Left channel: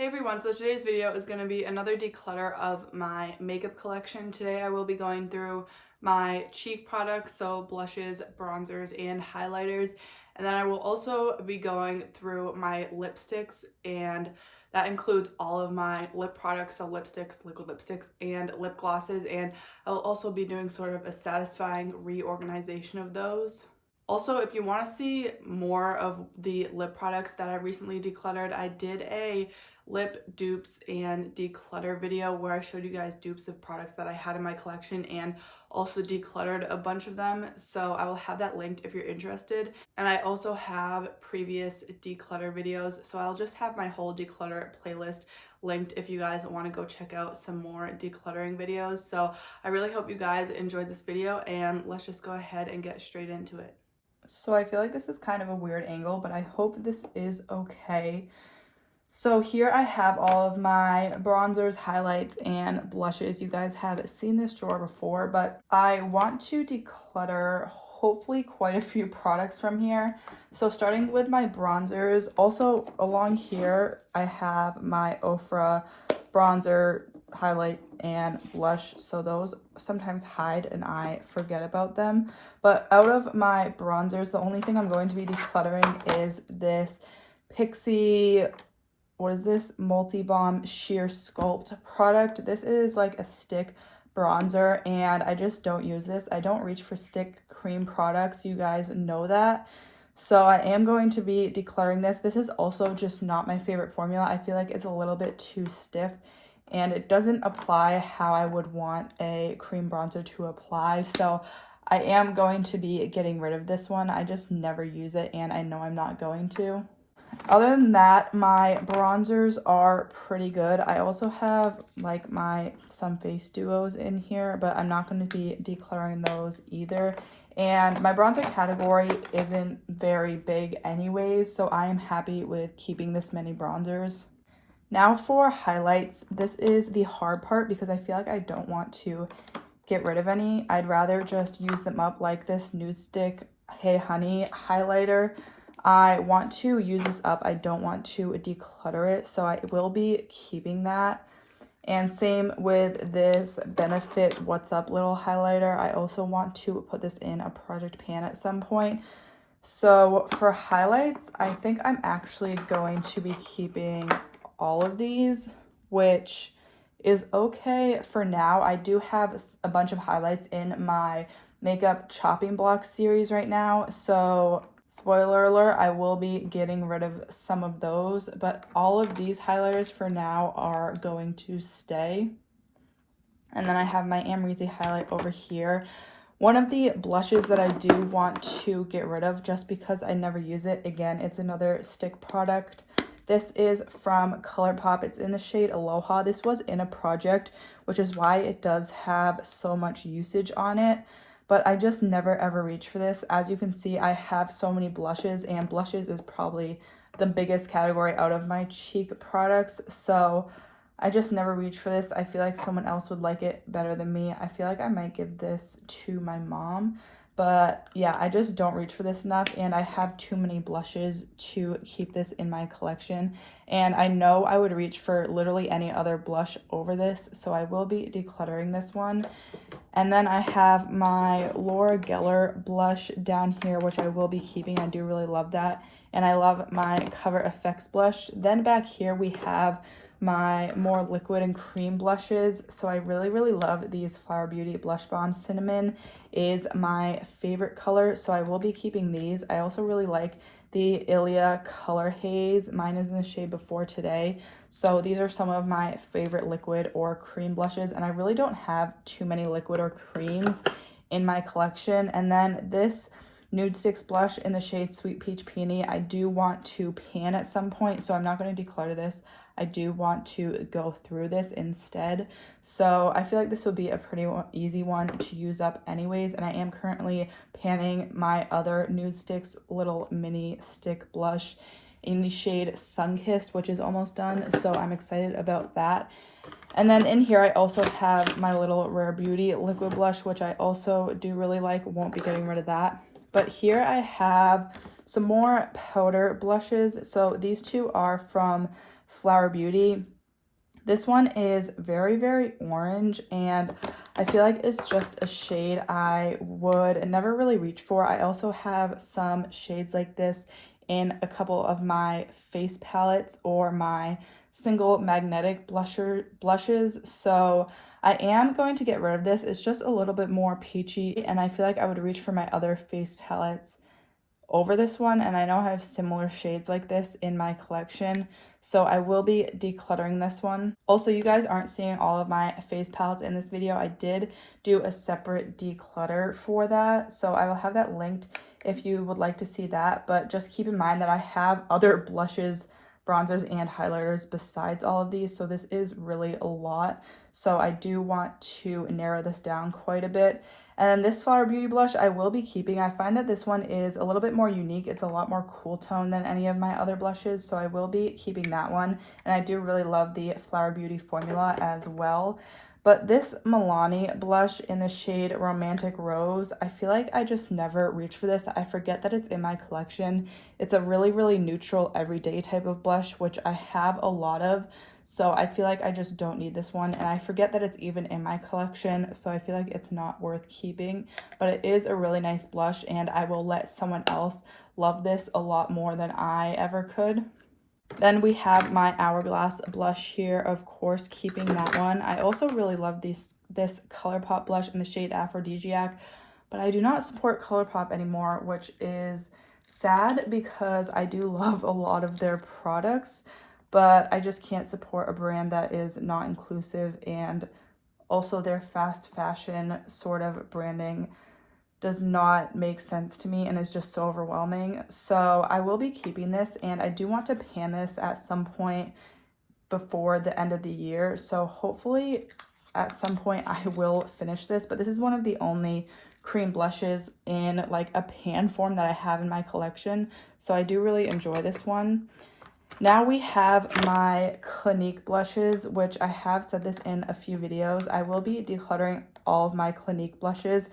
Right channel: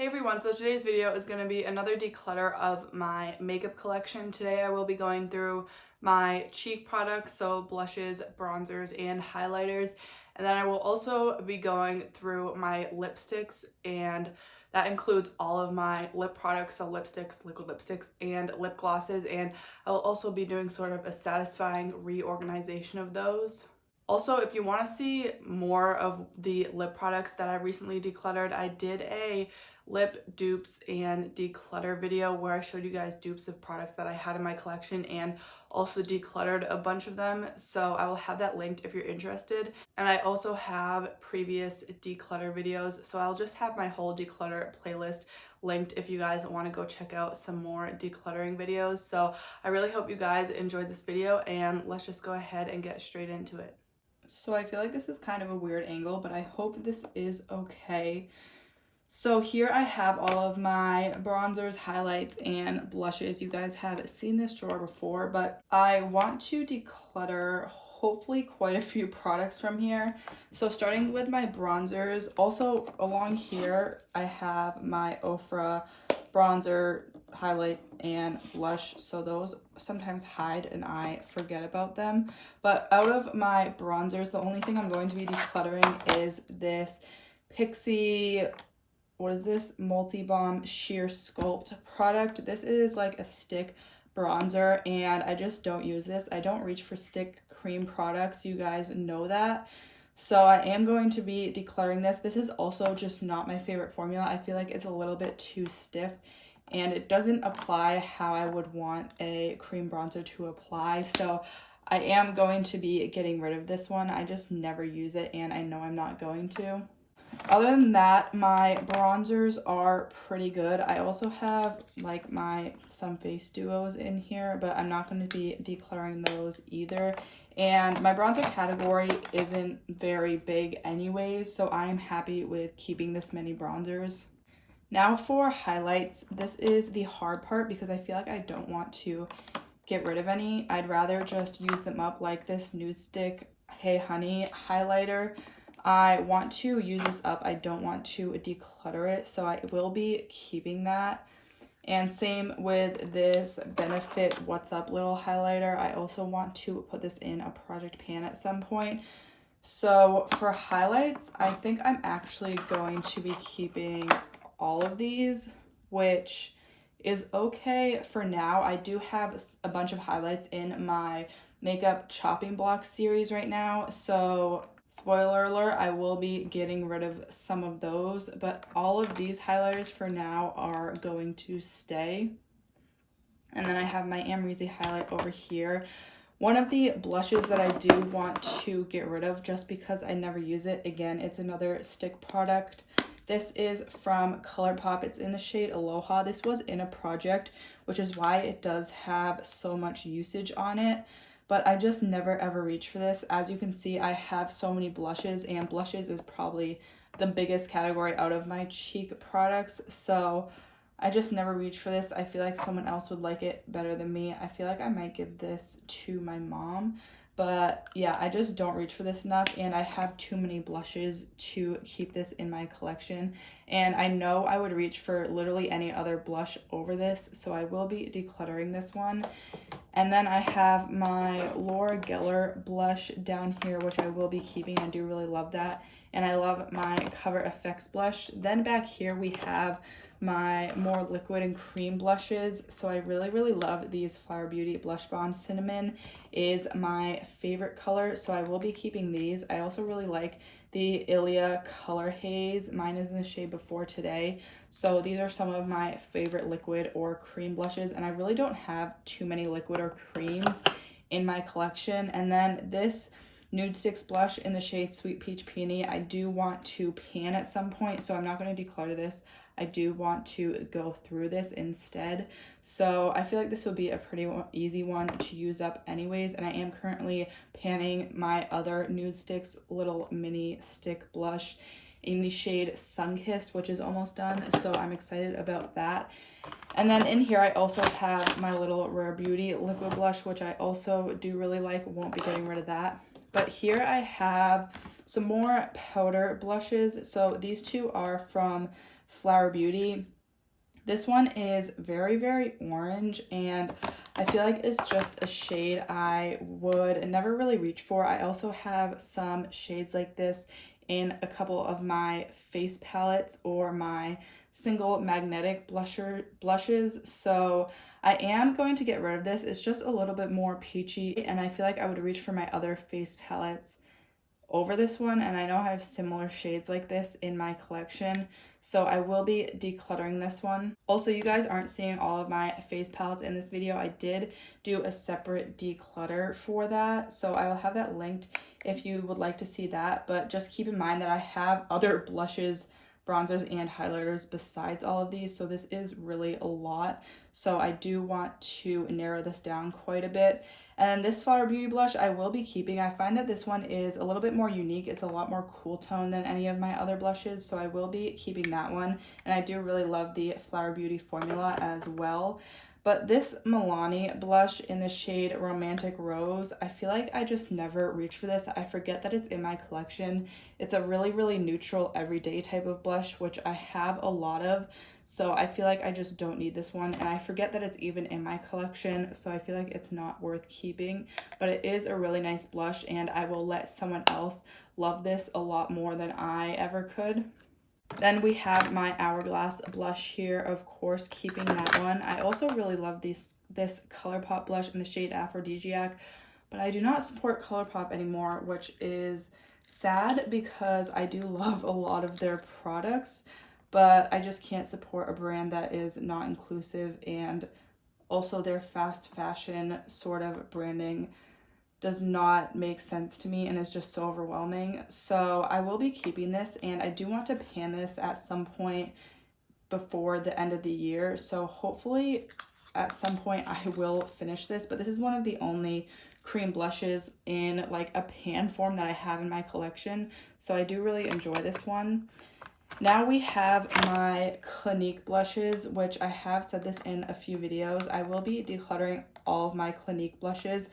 Hey everyone, so today's video is going to be another declutter of my makeup collection. Today I will be going through my cheek products, so blushes, bronzers, and highlighters. And then I will also be going through my lipsticks, and that includes all of my lip products, so lipsticks, liquid lipsticks, and lip glosses. And I will also be doing sort of a satisfying reorganization of those. Also, if you want to see more of the lip products that I recently decluttered, I did a lip dupes and declutter video where I showed you guys dupes of products that I had in my collection and also decluttered a bunch of them. So I will have that linked if you're interested. And I also have previous declutter videos. So I'll just have my whole declutter playlist linked if you guys want to go check out some more decluttering videos. So I really hope you guys enjoyed this video, and let's just go ahead and get straight into it. So I feel like this is kind of a weird angle, but I hope this is okay. So here I have all of my bronzers, highlights, and blushes. You guys have seen this drawer before, but I want to declutter hopefully quite a few products from here. So starting with my bronzers, also along here I have my Ofra bronzer, highlight, and blush. So those sometimes hide and I forget about them. But out of my bronzers, the only thing I'm going to be decluttering is this Pixie, what is this, Multi-Balm Sheer Sculpt product. This is like a stick bronzer and I just don't use this. I don't reach for stick cream products, you guys know that. So I am going to be decluttering this. This is also just not my favorite formula. I feel like it's a little bit too stiff and it doesn't apply how I would want a cream bronzer to apply. So I am going to be getting rid of this one. I just never use it and I know I'm not going to. Other than that, my bronzers are pretty good. I also have like some face duos in here, but I'm not going to be decluttering those either. And my bronzer category isn't very big anyways, so I am happy with keeping this many bronzers. Now for highlights, this is the hard part because I feel like I don't want to get rid of any. I'd rather just use them up, like this Nude Stick Hey Honey highlighter. I want to use this up. I don't want to declutter it, so I will be keeping that. And same with this Benefit What's Up little highlighter. I also want to put this in a project pan at some point. So for highlights, I think I'm actually going to be keeping all of these, which is okay for now. I do have a bunch of highlights in my makeup chopping block series right now, so spoiler alert, I will be getting rid of some of those, but all of these highlighters for now are going to stay. And then I have my Amrezy highlight over here. One of the blushes that I do want to get rid of just because I never use it, again, it's another stick product. This is from ColourPop. It's in the shade Aloha. This was in a project, which is why it does have so much usage on it. But I just never ever reach for this. As you can see, I have so many blushes, and blushes is probably the biggest category out of my cheek products. So I just never reach for this. I feel like someone else would like it better than me. I feel like I might give this to my mom. But yeah, I just don't reach for this enough, and I have too many blushes to keep this in my collection. And I know I would reach for literally any other blush over this, so I will be decluttering this one. And then I have my Laura Geller blush down here, which I will be keeping. I do really love that. And I love my Cover FX blush. Then back here we have my more liquid and cream blushes. So I really, really love these Flower Beauty Blush Bomb. Cinnamon is my favorite color, so I will be keeping these. I also really like the Ilia Color Haze. Mine is in the shade Before Today. So these are some of my favorite liquid or cream blushes, and I really don't have too many liquid or creams in my collection. And then this Nude Sticks blush in the shade Sweet Peach Peony, I do want to pan at some point, so I'm not going to declutter this. I do want to go through this instead. So I feel like this will be a pretty easy one to use up anyways. And I am currently panning my other Nude Sticks little mini stick blush in the shade Sunkissed, which is almost done. So I'm excited about that. And then in here, I also have my little Rare Beauty liquid blush, which I also do really like. Won't be getting rid of that. But here I have some more powder blushes. So these two are from Flower Beauty. This one is very, very orange, and I feel like it's just a shade I would never really reach for. I also have some shades like this in a couple of my face palettes or my single magnetic blushes. So I am going to get rid of this. It's just a little bit more peachy, and I feel like I would reach for my other face palettes over this one, and I know I have similar shades like this in my collection, so I will be decluttering this one. Also, you guys aren't seeing all of my face palettes in this video. I did do a separate declutter for that, so I will have that linked if you would like to see that. But just keep in mind that I have other blushes, bronzers, and highlighters besides all of these, so this is really a lot. So I do want to narrow this down quite a bit. And this Flower Beauty blush I will be keeping. I find that this one is a little bit more unique. It's a lot more cool tone than any of my other blushes, so I will be keeping that one. And I do really love the Flower Beauty formula as well. But this Milani blush in the shade Romantic Rose, I feel like I just never reach for this. I forget that it's in my collection. It's a really, really neutral, everyday type of blush, which I have a lot of. So I feel like I just don't need this one, and I forget that it's even in my collection, so I feel like it's not worth keeping. But it is a really nice blush, and I will let someone else love this a lot more than I ever could. Then we have my Hourglass blush here, of course, keeping that one. I also really love this ColourPop blush in the shade Aphrodisiac, but I do not support ColourPop anymore, which is sad because I do love a lot of their products, but I just can't support a brand that is not inclusive, and also their fast fashion sort of branding does not make sense to me and is just so overwhelming. So I will be keeping this, and I do want to pan this at some point before the end of the year. So hopefully at some point I will finish this, but this is one of the only cream blushes in like a pan form that I have in my collection. So I do really enjoy this one. Now we have my Clinique blushes, which I have said this in a few videos. I will be decluttering all of my Clinique blushes.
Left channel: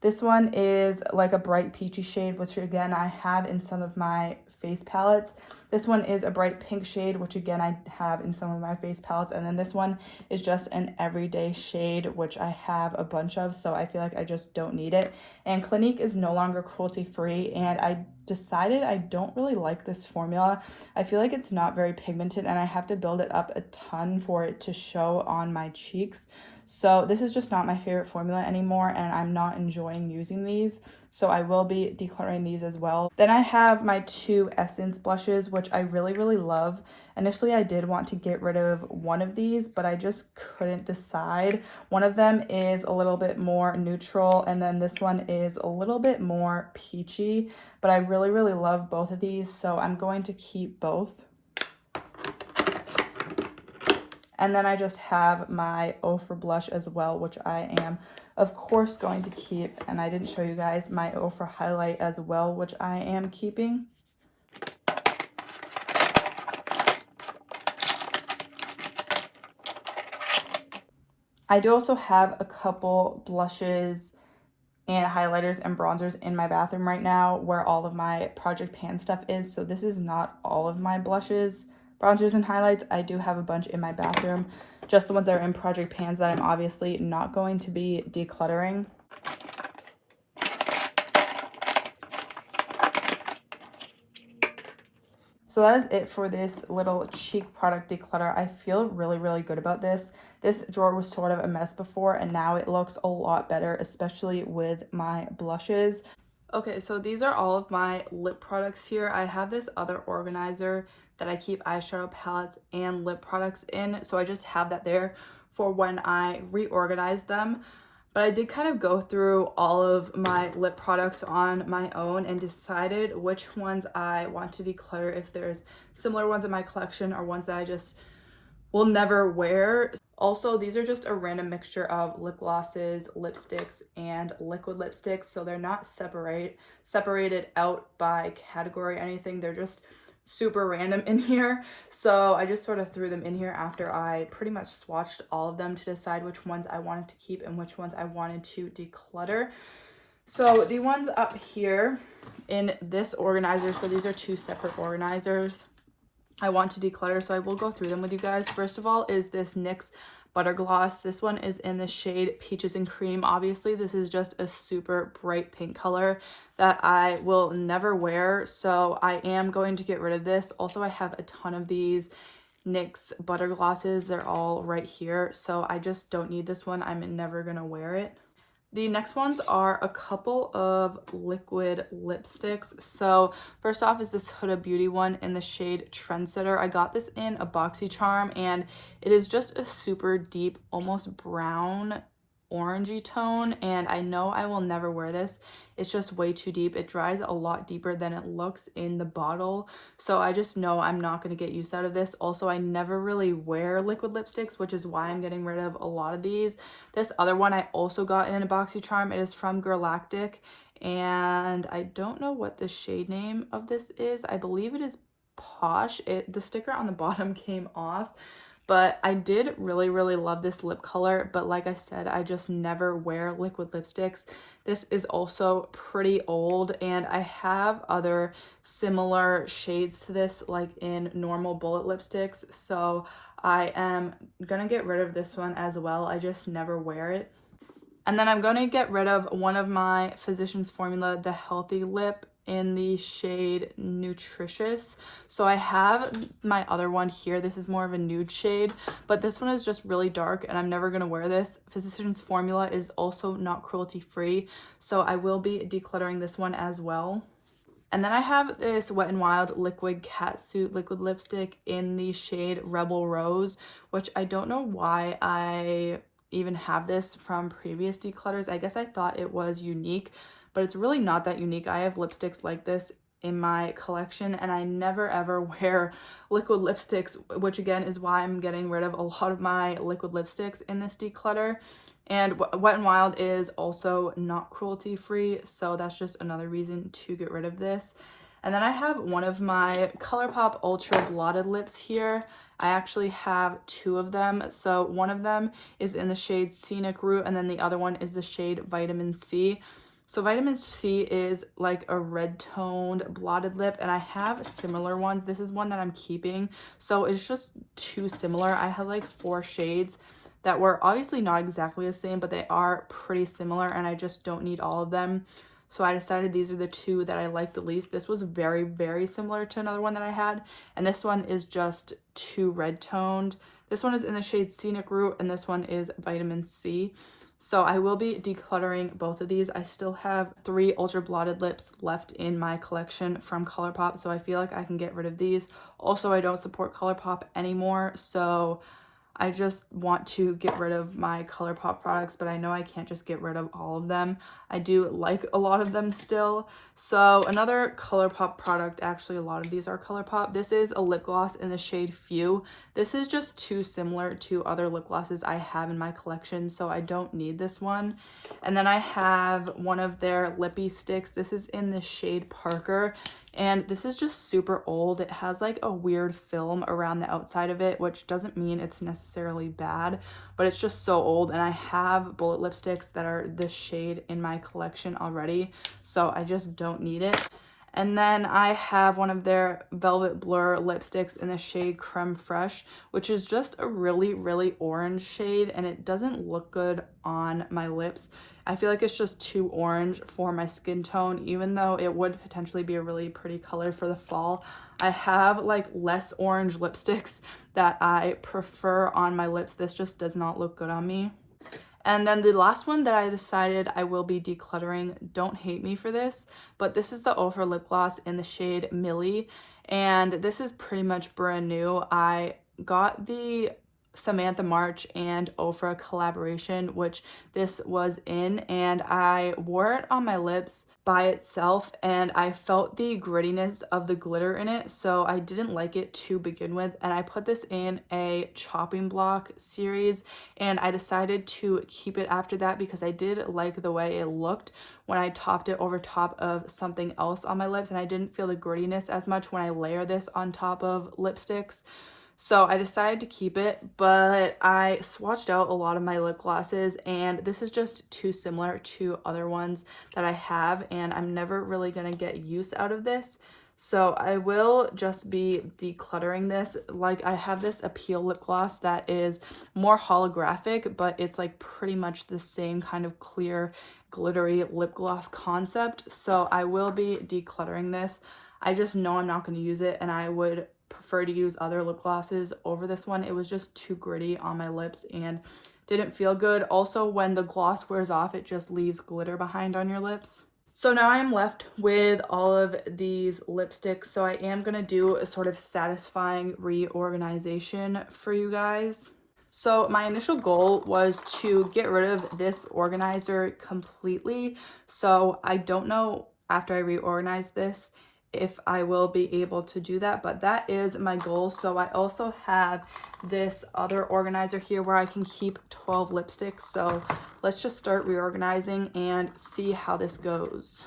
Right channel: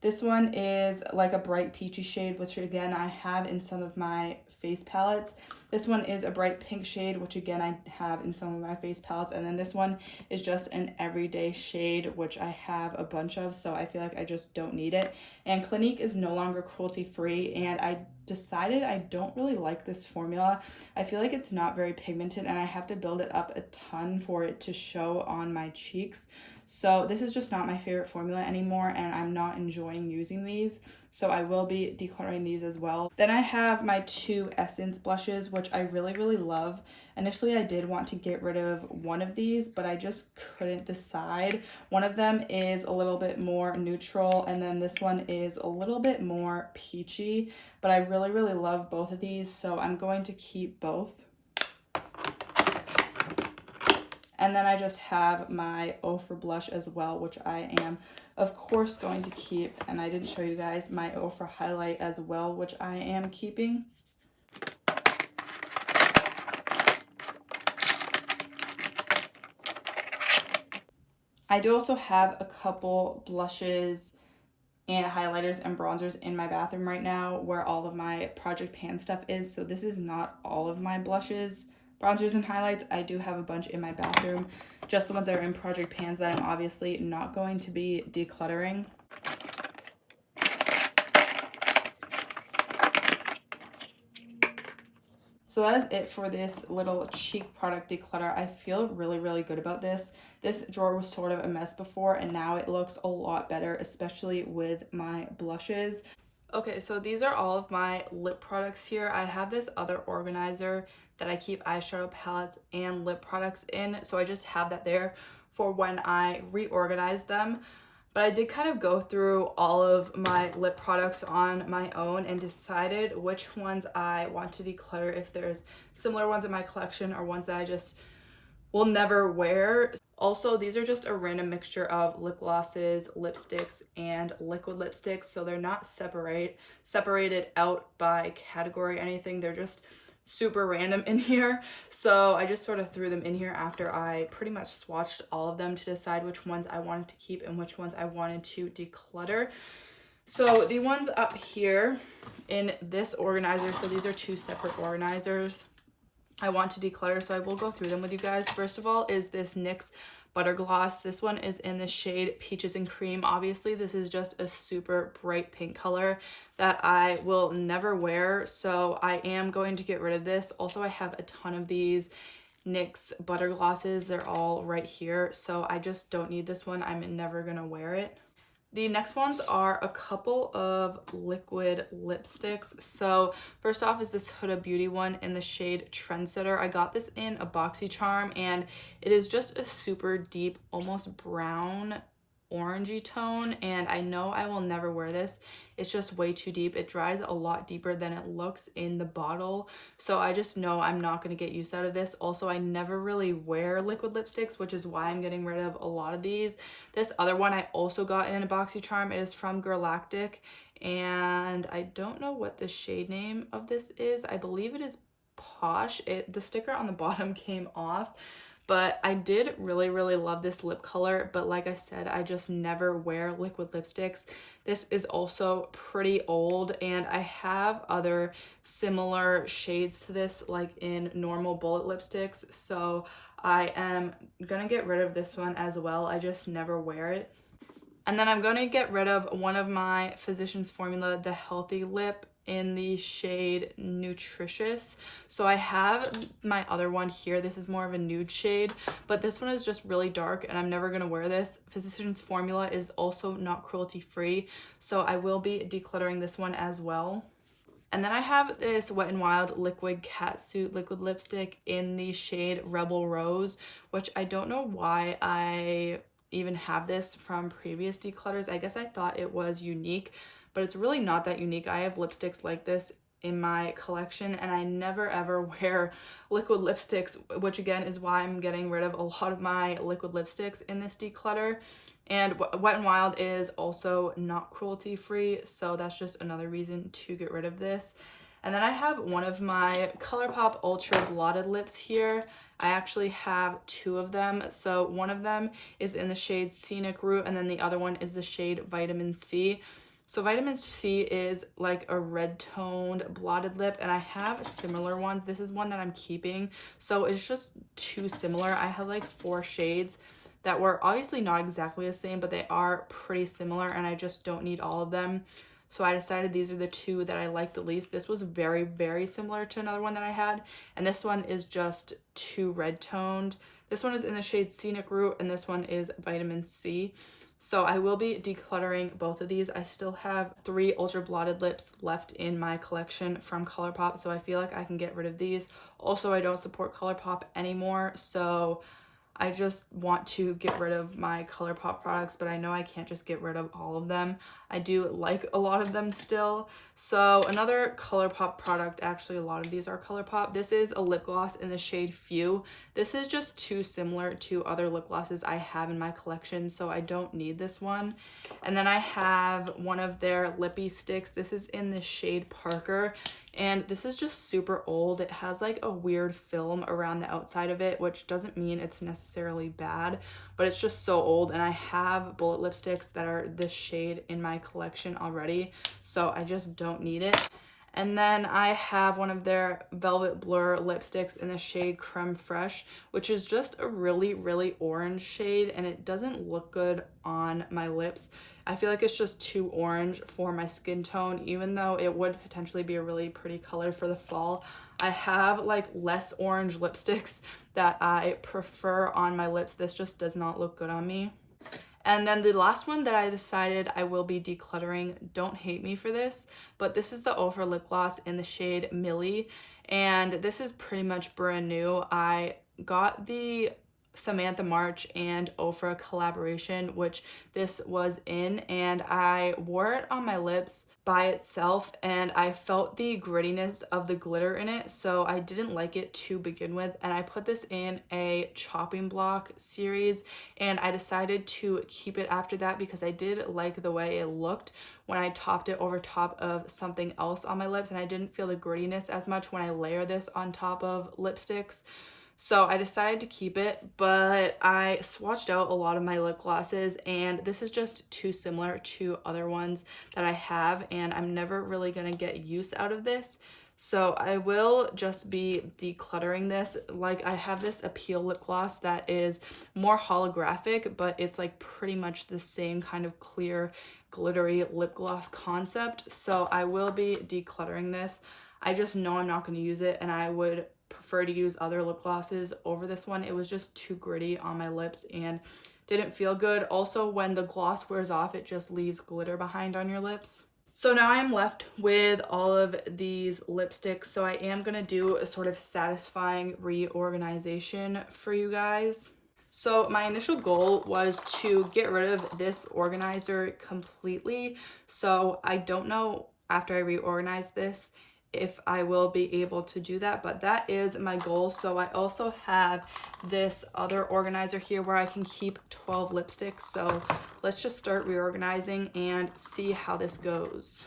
This one is like a bright peachy shade, which again I have in some of my face palettes. This one is a bright pink shade, which again I have in some of my face palettes. And then this one is just an everyday shade, which I have a bunch of, so I feel like I just don't need it. And Clinique is no longer cruelty free, and I decided I don't really like this formula. I feel like it's not very pigmented, and I have to build it up a ton for it to show on my cheeks. So this is just not my favorite formula anymore, and I'm not enjoying using these. So I will be decluttering these as well. Then I have my two Essence blushes, which I really, really love. Initially, I did want to get rid of one of these, but I just couldn't decide. One of them is a little bit more neutral, and then this one is a little bit more peachy. But I really, really love both of these, so I'm going to keep both. And then I just have my Ofra blush as well, which I am, of course, going to keep. And I didn't show you guys my Ofra highlight as well, which I am keeping. I do also have a couple blushes and highlighters and bronzers in my bathroom right now where all of my Project Pan stuff is. So this is not all of my blushes, bronzers, and highlights. I do have a bunch in my bathroom, just the ones that are in Project Pans that I'm obviously not going to be decluttering. So that is it for this little cheek product declutter. I feel really, really good about this. This drawer was sort of a mess before, and now it looks a lot better, especially with my blushes. Okay, so these are all of my lip products here. I have this other organizer that I keep eyeshadow palettes and lip products in, so I just have that there for when I reorganize them. But I did kind of go through all of my lip products on my own and decided which ones I want to declutter, if there's similar ones in my collection or ones that I just will never wear. Also, these are just a random mixture of lip glosses, lipsticks, and liquid lipsticks, so they're not separated out by category or anything. They're just super random in here. So I just sort of threw them in here after I pretty much swatched all of them to decide which ones I wanted to keep and which ones I wanted to declutter. So the ones up here in this organizer, so these are two separate organizers. I want to declutter, so I will go through them with you guys. First of all is this NYX Butter Gloss. This one is in the shade Peaches and Cream. Obviously, this is just a super bright pink color that I will never wear, so I am going to get rid of this. Also, I have a ton of these NYX Butter Glosses. They're all right here, so I just don't need this one. I'm never gonna wear it. The next ones are a couple of liquid lipsticks. So first off is this Huda Beauty one in the shade Trendsetter. I got this in a BoxyCharm, and it is just a super deep, almost brown orangey tone, and I know I will never wear this. It's just way too deep. It dries a lot deeper than it looks in the bottle, so I just know I'm not going to get use out of this. Also, I never really wear liquid lipsticks, which is why I'm getting rid of a lot of these. This other one I also got in a BoxyCharm. It is from Galactic, and I don't know what the shade name of this is. I believe it is Posh. The sticker on the bottom came off, but I did really love this lip color. But like I said, I just never wear liquid lipsticks. This is also pretty old, and I have other similar shades to this, like in normal bullet lipsticks, so I am gonna get rid of this one as well. I just never wear it. And then I'm going to get rid of one of my Physicians Formula, the Healthy Lip in the shade Nutritious. So I have my other one here. This is more of a nude shade, but this one is just really dark, and I'm never going to wear this. Physicians Formula is also not cruelty free, so I will be decluttering this one as well. And then I have this Wet n Wild Liquid Catsuit liquid lipstick in the shade Rebel Rose, which I don't know why I even have this from previous declutters. I guess I thought it was unique, but it's really not that unique. I have lipsticks like this in my collection, and I never ever wear liquid lipsticks, which again is why I'm getting rid of a lot of my liquid lipsticks in this declutter. And Wet n Wild is also not cruelty free, so that's just another reason to get rid of this. And then I have one of my ColourPop Ultra Blotted Lips here. I actually have two of them. So one of them is in the shade Scenic Route, and then the other one is the shade Vitamin C. So Vitamin C is like a red toned blotted lip, and I have similar ones. This is one that I'm keeping, so it's just too similar. I have like 4 shades that were obviously not exactly the same, but they are pretty similar, and I just don't need all of them. So I decided these are the 2 that I like the least. This was very similar to another one that I had, and this one is just too red toned. This one is in the shade Scenic Route, and this one is Vitamin C. So I will be decluttering both of these. I still have 3 ultra blotted lips left in my collection from ColourPop, so I feel like I can get rid of these. Also, I don't support ColourPop anymore, so I just want to get rid of my ColourPop products, but I know I can't just get rid of all of them. I do like a lot of them still. So another ColourPop product, actually a lot of these are ColourPop. This is a lip gloss in the shade Few. This is just too similar to other lip glosses I have in my collection, so I don't need this one. And then I have one of their lippy sticks. This is in the shade Parker, and this is just super old. It has like a weird film around the outside of it, which doesn't mean it's necessarily bad, but it's just so old, and I have bullet lipsticks that are this shade in my collection already, so I just don't need it. And then I have one of their Velvet Blur lipsticks in the shade Creme Fraiche, which is just a really orange shade, and it doesn't look good on my lips. I feel like it's just too orange for my skin tone, even though it would potentially be a really pretty color for the fall. I have like less orange lipsticks that I prefer on my lips. This just does not look good on me. And then the last one that I decided I will be decluttering, don't hate me for this, but this is the Ofra lip gloss in the shade Millie, and this is pretty much brand new. I got the Samantha March and Ofra collaboration, which this was in, and I wore it on my lips by itself, and I felt the grittiness of the glitter in it, so I didn't like it to begin with. And I put this in a chopping block series, and I decided to keep it after that because I did like the way it looked when I topped it over top of something else on my lips, and I didn't feel the grittiness as much when I layer this on top of lipsticks. So I decided to keep it, but I swatched out a lot of my lip glosses, and this is just too similar to other ones that I have, and I'm never really gonna get use out of this. So I will just be decluttering this. Like, I have this Appeal lip gloss that is more holographic, but it's like pretty much the same kind of clear glittery lip gloss concept. So I will be decluttering this. I just know I'm not going to use it, and I would prefer to use other lip glosses over this one. It was just too gritty on my lips and didn't feel good. Also, when the gloss wears off, it just leaves glitter behind on your lips. So now I am left with all of these lipsticks. So I am going to do a sort of satisfying reorganization for you guys. So my initial goal was to get rid of this organizer completely. So I don't know after I reorganize this if I will be able to do that, but that is my goal. So I also have this other organizer here where I can keep 12 lipsticks. So let's just start reorganizing and see how this goes.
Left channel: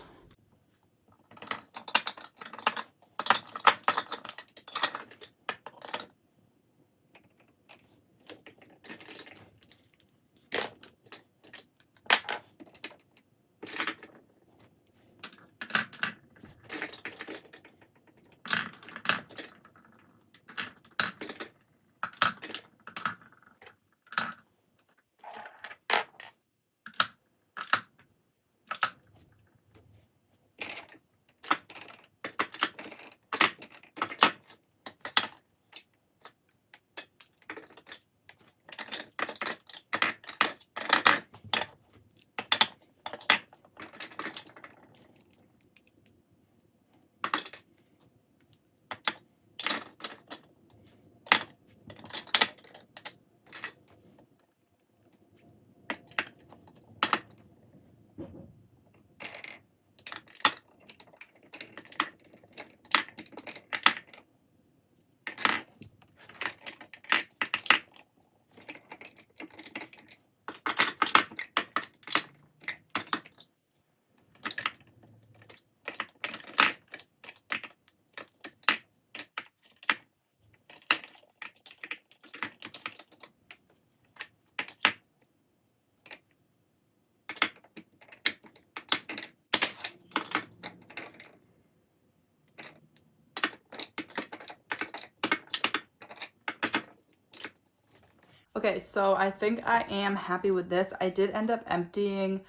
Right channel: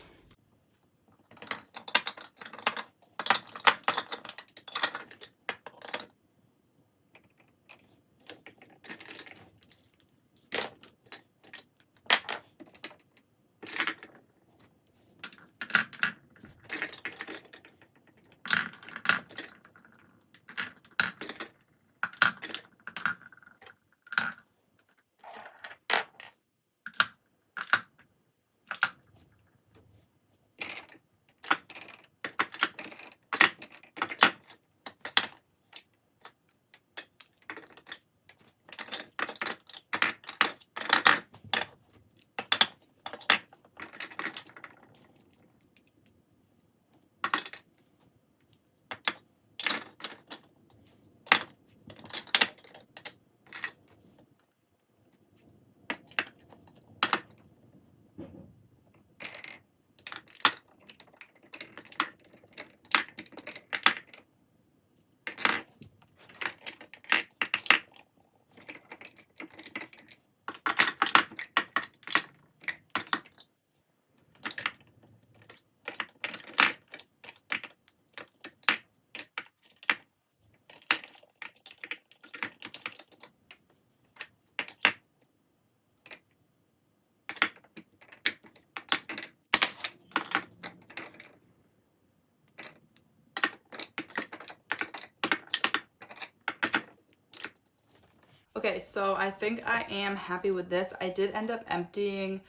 Okay, so I think I am happy with this. I did end up emptying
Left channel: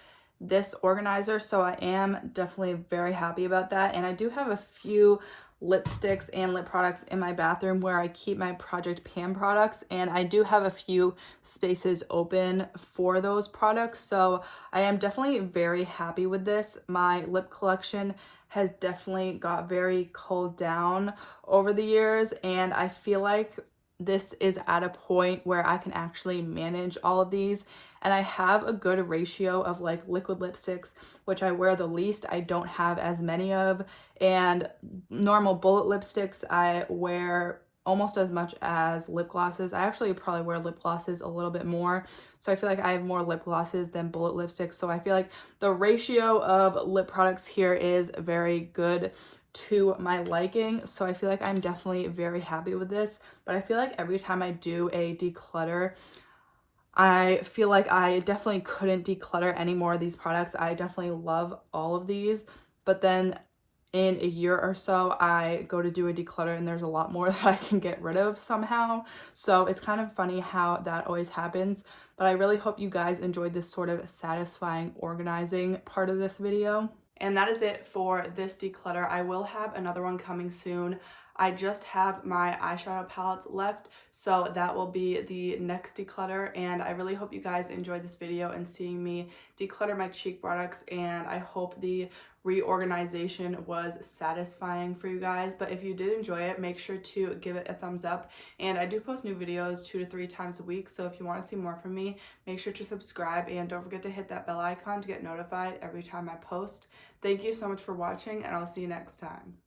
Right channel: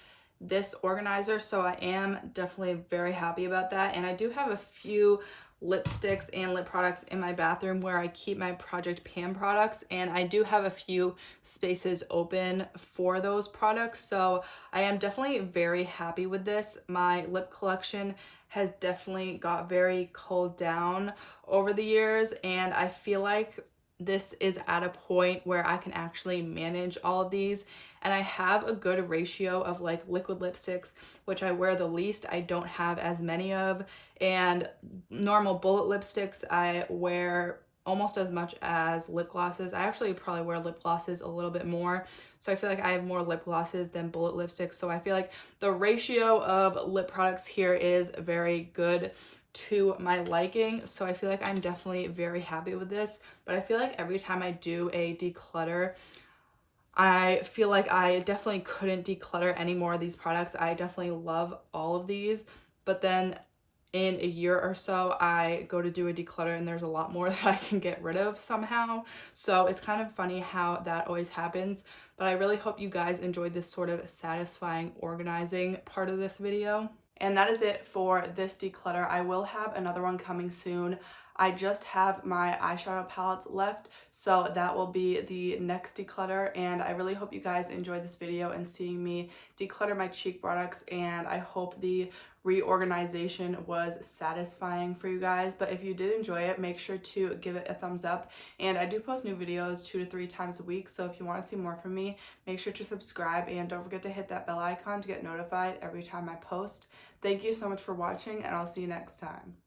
this organizer, so I am definitely very happy about that. And I do have a few lipsticks and lip products in my bathroom where I keep my Project Pan products, and I do have a few spaces open for those products. So I am definitely very happy with this. My lip collection has definitely got very culled down over the years, and I feel like this is at a point where I can actually manage all of these, and I have a good ratio of like liquid lipsticks, which I wear the least. I don't have as many of, and normal bullet lipsticks I wear almost as much as lip glosses. I actually probably wear lip glosses a little bit more, so I feel like I have more lip glosses than bullet lipsticks. So I feel like the ratio of lip products here is very good to my liking. So I feel like I'm definitely very happy with this. But I feel like every time I do a declutter, I feel like I definitely couldn't declutter any more of these products. I definitely love all of these, but then in a year or so I go to do a declutter and there's a lot more that I can get rid of somehow. So it's kind of funny how that always happens. But I really hope you guys enjoyed this sort of satisfying organizing part of this video. And that is it for this declutter. I will have another one coming soon. I just have my eyeshadow palettes left, so that will be the next declutter. And I really hope you guys enjoyed this video and seeing me declutter my cheek products, and I hope the reorganization was satisfying for you guys. But if you did enjoy it, make sure to give it a thumbs up. And I do post new videos 2 to 3 times a week, so if you want to see more from me, make sure to subscribe, and don't forget to hit that bell icon to get notified every time I post. Thank you so much for watching, and I'll see you next time.